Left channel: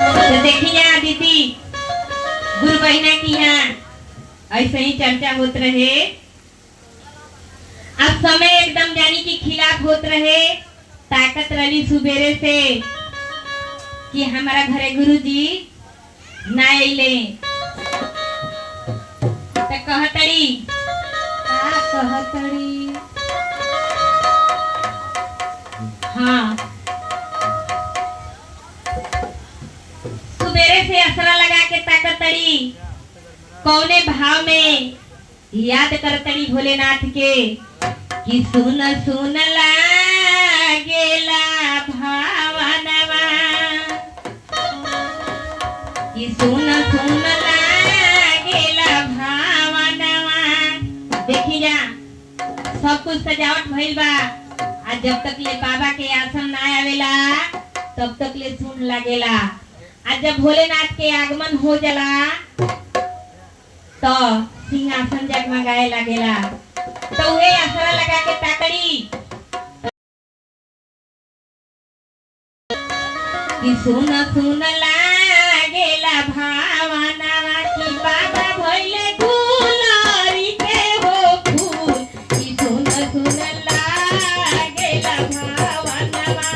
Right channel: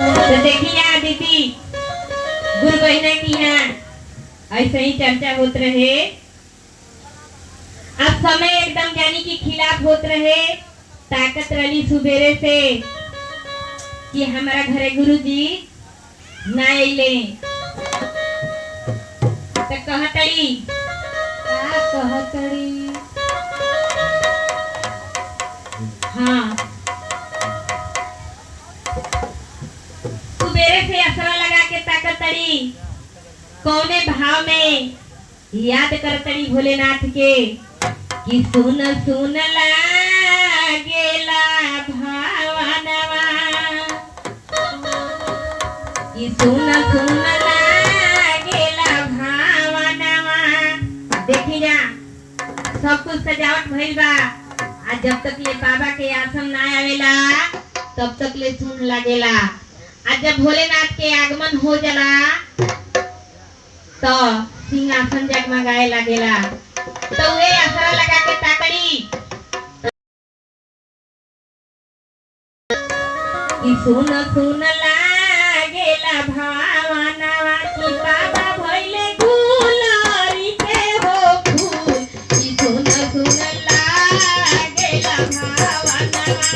तो देखिए दीदी गुरु बहिना की यहाँ ऐसे ही चर्चा होत रहे। अब समय एकदम यानी कि खिलाफ होत रहे। ताकत रही सुबेरे से कि हमारा घरे गुरुजी ना अइले तो कहतड़ी का कहतड़ी हाँ सुबेरे से असरा लगा के ताकतड़ी कौने भाव में याद करतड़ी भोलेनाथ के कि सुन सुन लागेला भावनवा कि सुन सुन लागेला भावनवा। देखी जा सब कुछ सजावट भइल बा। आज जब तक ले बाबा के आसन ना आवेला तब तक ले सुन लागेला। आज जब भोलेनाथ के आगमन हो जाला तो सिंहासन जगमगाए लगेला। तो वे असरा लगा के ताकड़ी कि सुन सुन लागेला भावनवा कि बाबा भइले गुलारी के हो फूल कि सुन सुन लागेला भावनवा।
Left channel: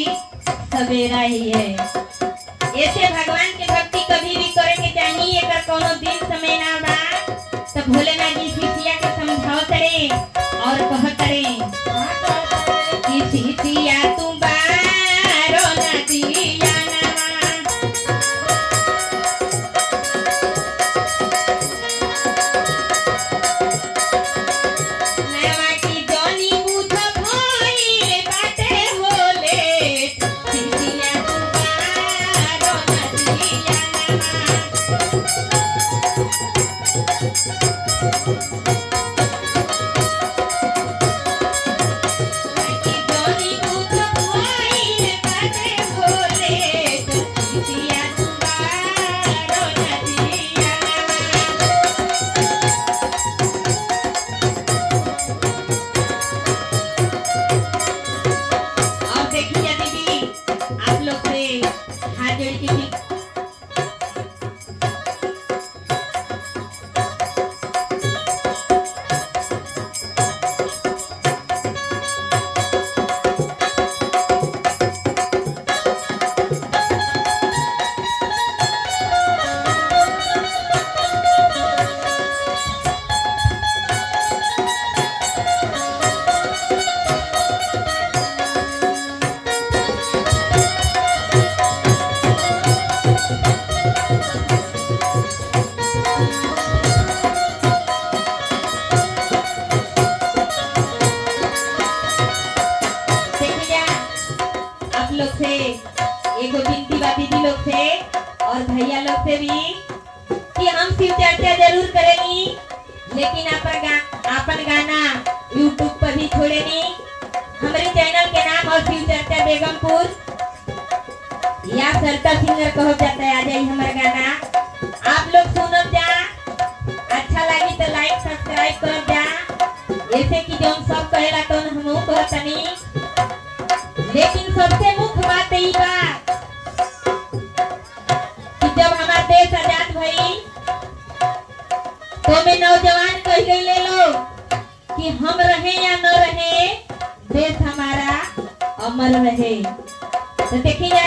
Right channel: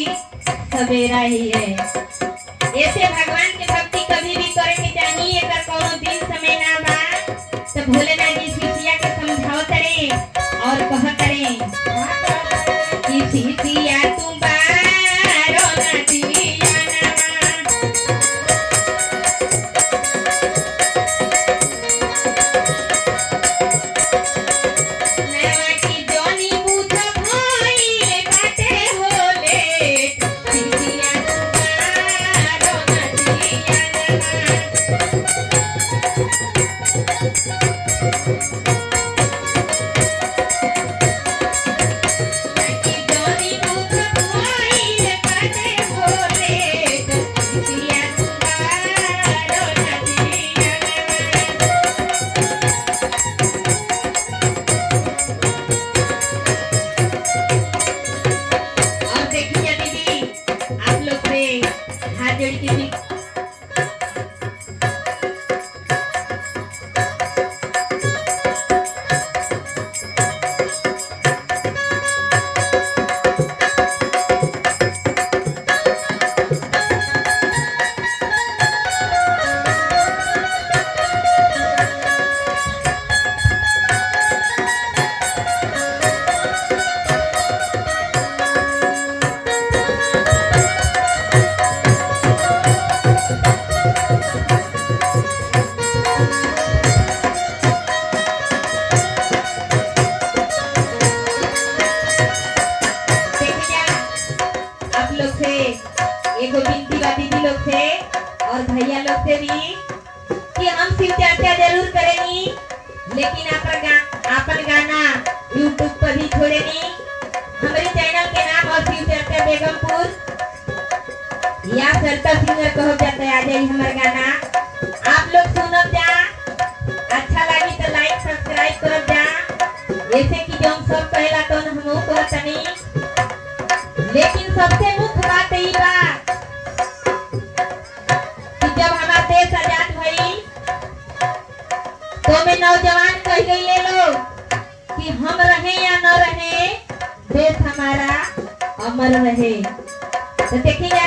सवेरा ही है। ऐसे भगवान के भक्ति कभी भी करे के चाहिए। अगर कोनो दिन समय ना बा तो भोलेनाथ जी शिष्या के समझाओ करे और कह करे कि शिष्या तुम बारो नदिया ना कि जोरी मुख भइल बाटे बोले सिया सुनारो नदिया और देखिए दीदी आप लोग से हाथ जोड़ के भी देखिए आप लोग से एगो विनती बा दीदी लोग से और भैया लोग से भी कि हम शिव चर्चा जरूर करेंगी लेकिन अपन गाना YouTube पर भी छोड़ेंगी। हमारे चैनल के नाम और शिव चर्चा बेगमपुर या सरता सिंगर कहो जाता है। आ जाइए हमारा गाना आप लोग सुनो जा, अच्छा लगी तो लाइक सब्सक्राइब कर जा। जैसे कि जो हम सब कहेला तो हम कहतनी, लेकिन सबसे मुख्य बात यही बा कि जब हमारा देश आजाद भई तो में नौजवान कह गए लोग कि हम रहे या न रहे देश हमारा अमर रहे। तो देखिए